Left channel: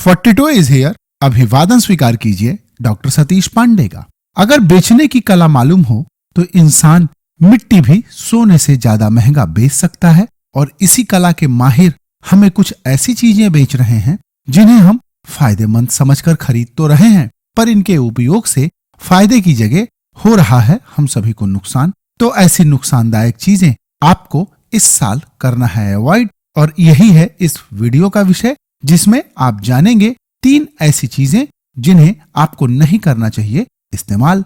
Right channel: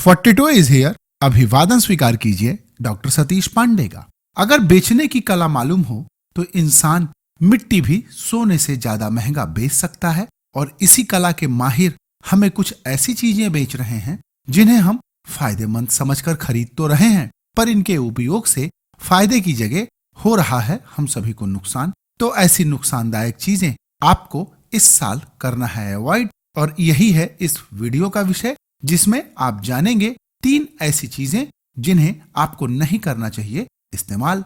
42 is here. अभिवादन स्वीकार कीजिए डॉक्टर सतीश पांडे का। अगर बेचने की कला मालूम हो तो इंसान मिट्टी भी सोने से ज्यादा महंगा बेच सकता है। और इसी कला के माहिर हमें कुछ ऐसी चीजें बेच रहे हैं जिन्हें हम फायदेमंद समझकर खरीद तो रहे हैं, पर इनके उपयोग से फायदे की जगह हो रहा है हम सभी को नुकसान। तो ऐसी नुकसानदायक चीजें आपको इस साल करना है अवॉइड, और यही है इस वीडियो का विषय, जिसमें आप जानेंगे 3 ऐसी चीजें जिन्हें आपको नहीं करना चाहिए इस्तेमाल।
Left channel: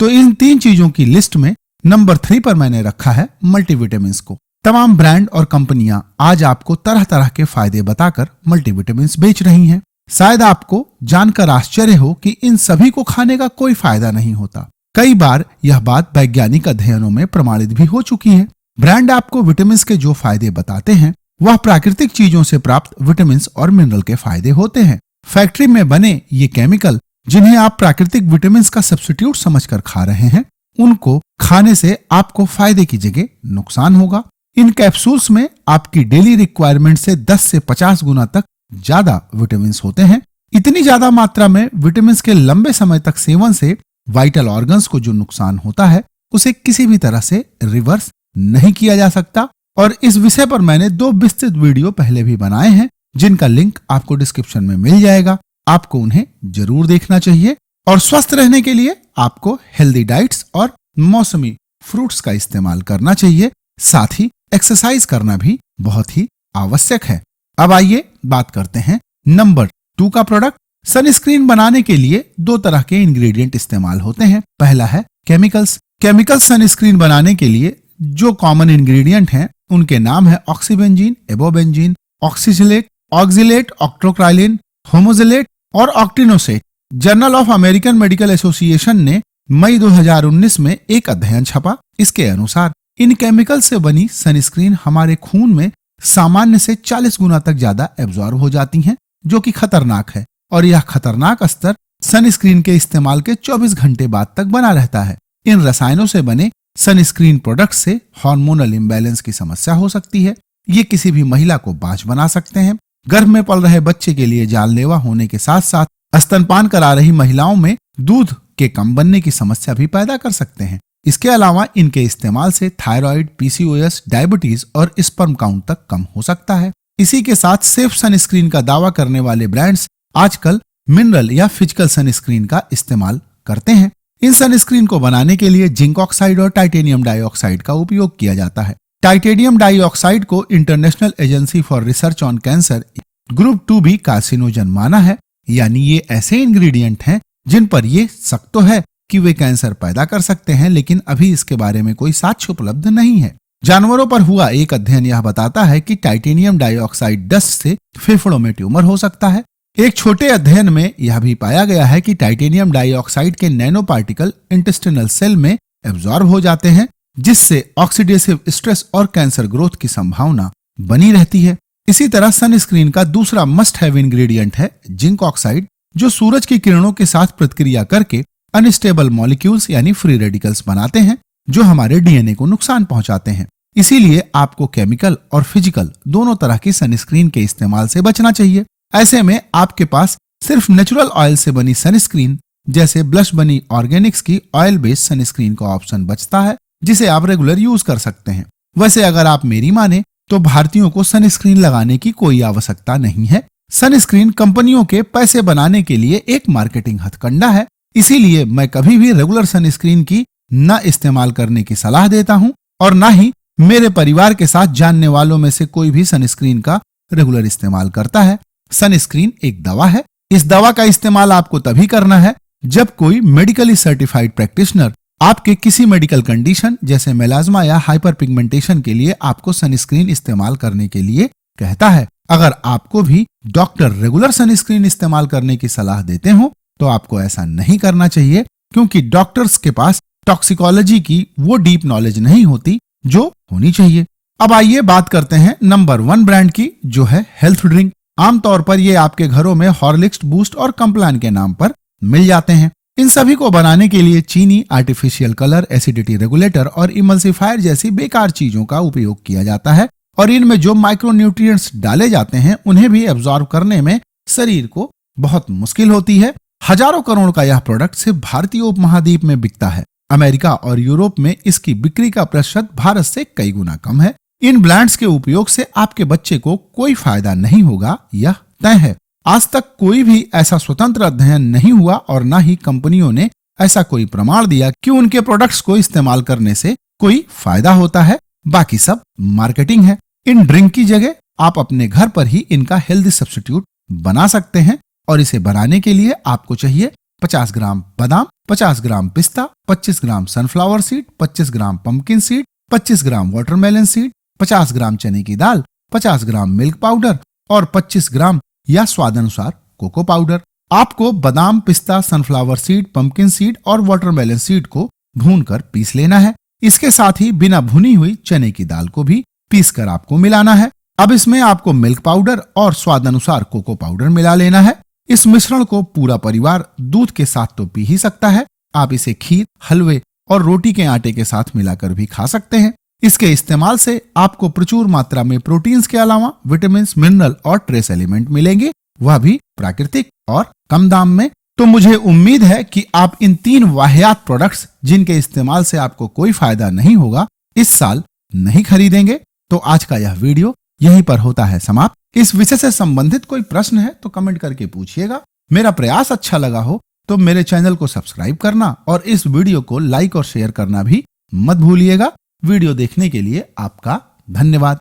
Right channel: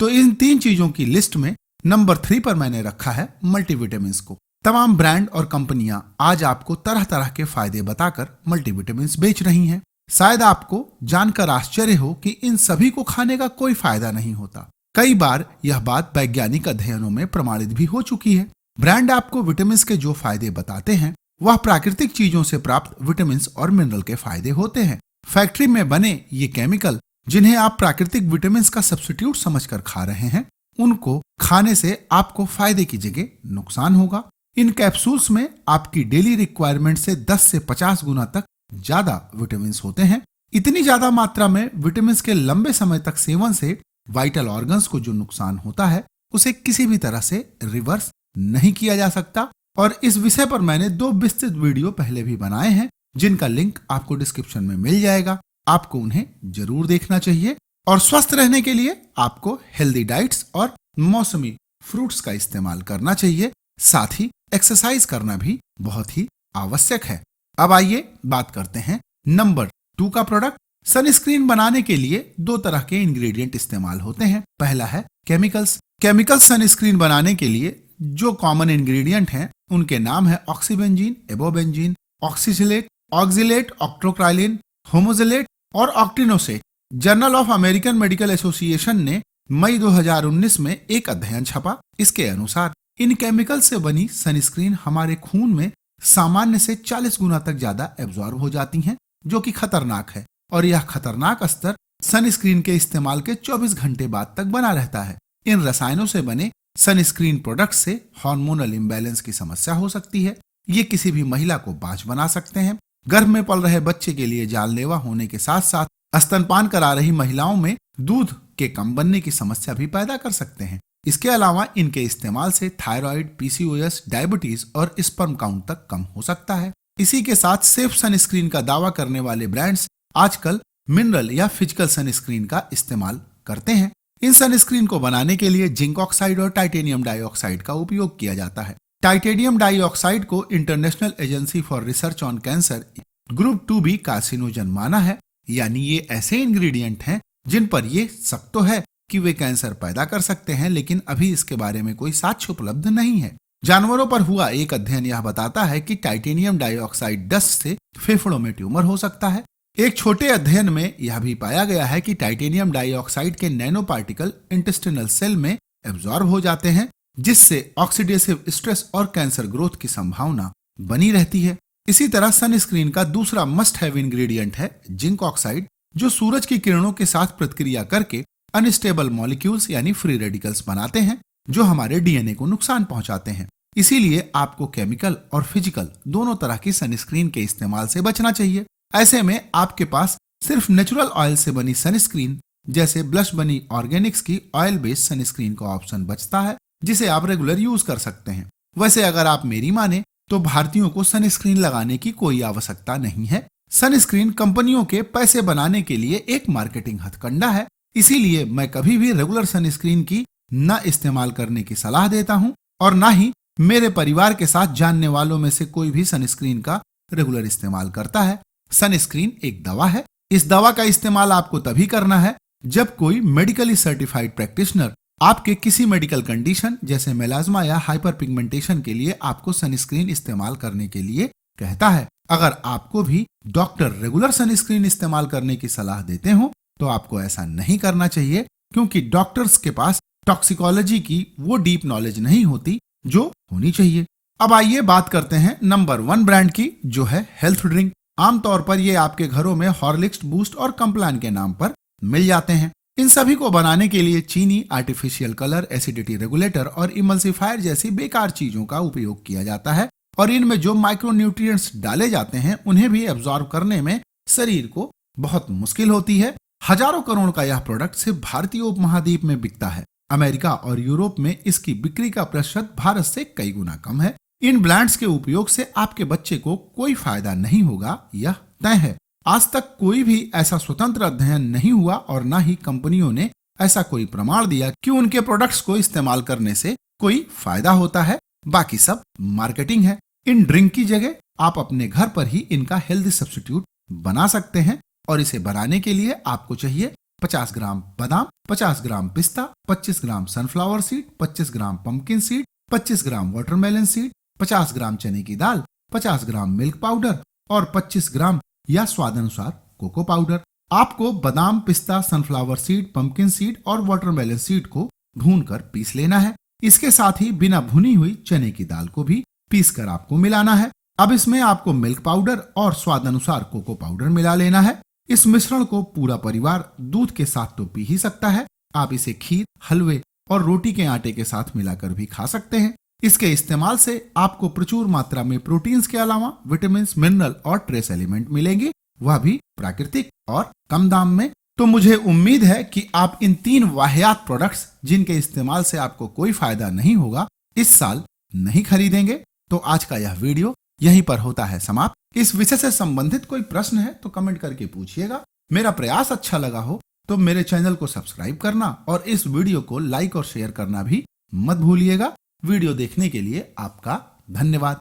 तो इन 3 चीजों की लिस्ट में नंबर 3 पर मैंने रखा है मल्टीविटामिन्स को। तमाम ब्रांड और कंपनियां आज आपको तरह तरह के फायदे बताकर मल्टीविटामिन्स बेच रही हैं। शायद आपको जानकर आश्चर्य हो कि इन सभी को खाने का कोई फायदा नहीं होता। कई बार यह बात वैज्ञानिक अध्ययनों में प्रमाणित भी हो चुकी है। ब्रांड आपको विटामिन्स के जो फायदे बताते हैं वह प्राकृतिक चीजों से प्राप्त विटामिन्स और मिनरल के फायदे होते हैं। फैक्ट्री में बने ये केमिकल जिन्हें आप प्राकृतिक विटामिन्स का सब्स्टिट्यूट समझकर खा रहे हैं, उनको खाने से आपको फायदे की जगह नुकसान होगा। इन कैप्सूल्स में आपकी डेली रिक्वायरमेंट से 10 से 50 गुना तक ज्यादा विटामिन्स होते हैं। इतनी ज्यादा मात्रा में विटामिन्स के लंबे समय तक सेवन से वाइटल ऑर्गन्स को जो नुकसान होता है उसे किसी भी तरह से रिवर्स नहीं किया जा सकता। और इस विषय पर मैंने 2 विस्तृत वीडियो पहले भी बनाए हैं, जिनका लिंक आपको डिस्क्रिप्शन में मिल जाएगा। आपको उन्हें जरूर देखना चाहिए। और स्वस्थ रहने के लिए आपको हेल्दी डाइट्स और मौसमी फ्रूट्स का इस्तेमाल करना चाहिए। साथ ही एक्सरसाइज करना भी बहुत ही आवश्यक है। अब आइए बात करते हैं नंबर 2 का प्रोडक्ट। सनस्क्रीन बनाने के लिए 2 तरह के इंग्रेडिएंट इस्तेमाल होते हैं। पहला है केमिकल्स। केमिकल्स सनस्क्रीन बनाने के लिए जो कॉमन इंग्रेडिएंट हैं उनके नाम है ऑक्सीबेंजीन, एबोबेंजीन, ऑक्सीजिलेट, ऑक्जिलेट, ऑक्ट्रोक्राइलिन, होमोजिलेट और octinoxate. Journal of American medical association ने मई 2019 में एक अध्ययन छपा। इसके अनुसार इन केमिकल से बनी सनस्क्रीन हमारे खून में सामान्य से 40 गुना तक ज्यादा एब्जॉर्ब हो जाती हैं, जो कि खतरनाक है। और यह खतरनाक स्तर सनस्क्रीन के इस्तेमाल के 24 घंटे बाद तक बना रहता है। इन रसायनों से बने सनस्क्रीन प्रोडक्ट से हार्मोनल इम्बैलेंस की समस्या हो सकती है। ये किसी भी महिला को बांझ बना सकते हैं। गर्भ में पल रहे बच्चे के लिए जानलेवा होने के साथ साथ स्तनपान करा रही महिलाओं में दूध के कम बनने की समस्या भी पैदा कर सकते हैं। इसके अलावा इनके इस्तेमाल से थायराइड, पीसीओएस, डायबिटीज और स्पर्म काउंट तक कम हो सकता है। इसी के साथ सेफ सनस्क्रीन का दावा करने वाले ब्रांड्स आजकल मिनरल या फिजिकल सनस्क्रीन का इस्तेमाल करते हैं। इन सनस्क्रीन को बनाने के लिए जिंक ऑक्साइड और टाइटेनियम डाइऑक्साइड का उपयोग किया जाता है। टाइटेनियम डाइऑक्साइड को international agency for research on cancer group 2B carcinogen माना है। यानी ये ऐसे इंग्रेडिएंट हैं जिन पर ये शक तो है कि वे कैंसर पैदा कर सकते हैं, लेकिन अभी इसके बारे में कोई साक्ष्य उपलब्ध नहीं है। जानवरों पर हुआ एक अध्ययन यह बताता है कि टाइटेनियम डाइऑक्साइड डस्ट से फेफड़ों में ट्यूमर हो सकता है। एक छोटे अध्ययन में यह भी पाया गया है कि टाइटेनियम डाइऑक्साइड के नैनो पार्टिकल इंटेस्टिनल सेल में एब्जॉर्ब हो जाते हैं, जिससे ऑक्सीडेटिव स्ट्रेस और कैंसर ग्रोथ की संभावना बनी रहती है। इसी तरह सनस्क्रीन का दूसरा मस्ट हैव इंग्रेडिएंट है जिंक ऑक्साइड, जो सूरज की किरणों के साथ प्रतिक्रिया करके अनस्टेबल मॉलिक्यूल्स यानी फ्री रेडिकल्स बनाते हैं, जो हमारे डीएनए को नुकसान पहुंचाते हैं। इसीलिए आपको केमिकल और फिजिकल दोनों तरह की सनस्क्रीन के इस्तेमाल से बचना चाहिए। ऐसे में आपके पास सिर्फ नेचुरल ऑयल से बनी सनस्क्रीन जैसे ब्लश बनी ऑर्गेनिक्स की ऑयल बेस्ड सनस्क्रीन का ऑप्शन बचता है, जिसे आप रेगुलर यूज कर सकते हैं। वैसे अगर आप मेरी माने तो भारतीयों को सनस्क्रीन लगाने की कोई आवश्यकता नहीं है। सनस्क्रीन कंपनियों के पैसे बनाने के लिए एक मार्केटिंग हथकंडा है। इसीलिए मैं कभी भी रेगुलर सनस्क्रीन की न इस्तेमाल करने की सलाह देता हूं, और न ही मेरे परिवार के साथ जानने वालों में से कोई भी सनस्क्रीन का रेगुलर इस्तेमाल करता है। सनस्क्रीन एक दवा है। इस दवा का इस्तेमाल आपको तभी करना है जब कोई मेडिकली सर्टिफाइड प्रैक्टिशनर आपके किसी मेडिकल कंडीशन जैसे मेलाज्मा या हाइपर पिगमेंटेशन के लिए आपको सनस्क्रीन इस्तेमाल करने के लिए कहता है। अगर आपको भी डॉक्टर रेगुलर सनस्क्रीन इस्तेमाल करने की सलाह देते हो तो आपको ऐसा नहीं करना चाहिए, क्योंकि डॉक्टर्स के पास टॉक्सिकोलॉजी की वो डीप नॉलेज नहीं होती जो होनी चाहिए। अब आइए बात करते हैं नंबर 1 ब्रांड की, जो है हेल्थ ड्रिंक। आमतौर पर ये आपके घरों में हॉर्लिक्स, बूस्ट और कॉम्प्लान के नाम पर मिल जाते हैं। इन सभी को बनाने के लिए चीनी, आर्टिफिशियल कलर, एसिडिटी रेगुलेटर और इमल्सिफायर जैसी बेकार चीजों का उपयोग किया जाता है और इनमें जो माइक्रोन्यूट्रिएंट्स डाले जाते हैं उन्हें भी एब्जॉर्ब करने में शरीर को बहुत मुश्किल होती है। हजारों करोड़ का यह प्रोडक्ट सिर्फ भारतीय उपमहाद्वीप में बिकता है। अमेरिका और यूरोप में इसकी बिक्री का प्रतिशत भारत से कई गुना कम है। इन ब्रांड्स के उपयोग से आपके बच्चे को कोई फायदा नहीं होगा, यह तय है। आज तक कोई भी ऐसा स्वतंत्र अध्ययन नहीं हुआ और न ही कंपनियों ने ऐसा कोई प्रमाण दिया कि उनके प्रोडक्ट्स को इस्तेमाल करने से कोई फायदा होता है। बाकी सब मार्केटिंग है। इन ड्रिंक की जगह आप अपने घर पर ही इनका हेल्दी सब्स्टिट्यूट बना सकते हैं और इसे बनाने के लिए आपको चाहिए 50 ग्राम बादाम, 50 ग्राम पिस्ता, 25 ग्राम सनफ्लावर सीड, 25 ग्राम पंपकिन सीड, 25 ग्राम वाटरमेलन सीड, 50 ग्राम चने की दाल, 50 ग्राम मिल्क पाउडर और 25 ग्राम या स्वादानुसार कोको पाउडर। आपको बादाम, पिस्ता, सनफ्लावर सीड, पंपकिन सीड और वाटरमेलन सीड को भूनकर पीस लेना है। इसके साथ ही बिना भुनी हुई चने की दाल को भी पीसकर आपको मिलाना है। अब इसमें आपको मिल्क पाउडर और स्वादानुसार कोको पाउडर मिला लेना है। इस मिश्रण को पूरा परिवार दूध के साथ तो पी ही सकता है। आप इसे खीर, हलवे और रोटी के आटे के साथ मिलाकर भी खा सकते हैं। इसके इस्तेमाल से आपको प्रचुर मात्रा में प्रोटीन्स के अलावा विटामिन, मिनरल और ट्रेस एलिमेंट मिलेंगे, वह भी प्राकृतिक और कम दाम में। तो मुझे उम्मीद है कि आप इन 3 वाहियात प्रोडक्ट्स, जिनके इस्तेमाल से आपको कोई फायदा नहीं होगा, इस साल नहीं खरीदेंगे। तो आज का यह वीडियो यहीं पर होता है समाप्त। इस विषय से संबंधित कोई प्रश्न है तो कमेंट करके पूछिएगा। मेरा प्रयास अच्छा लगा हो तो मेरे चैनल को सब्सक्राइब करना और इस वीडियो को लाइक और शेयर करना भी मत भूलिएगा। वीडियो देखने के लिए आपका धन्यवाद।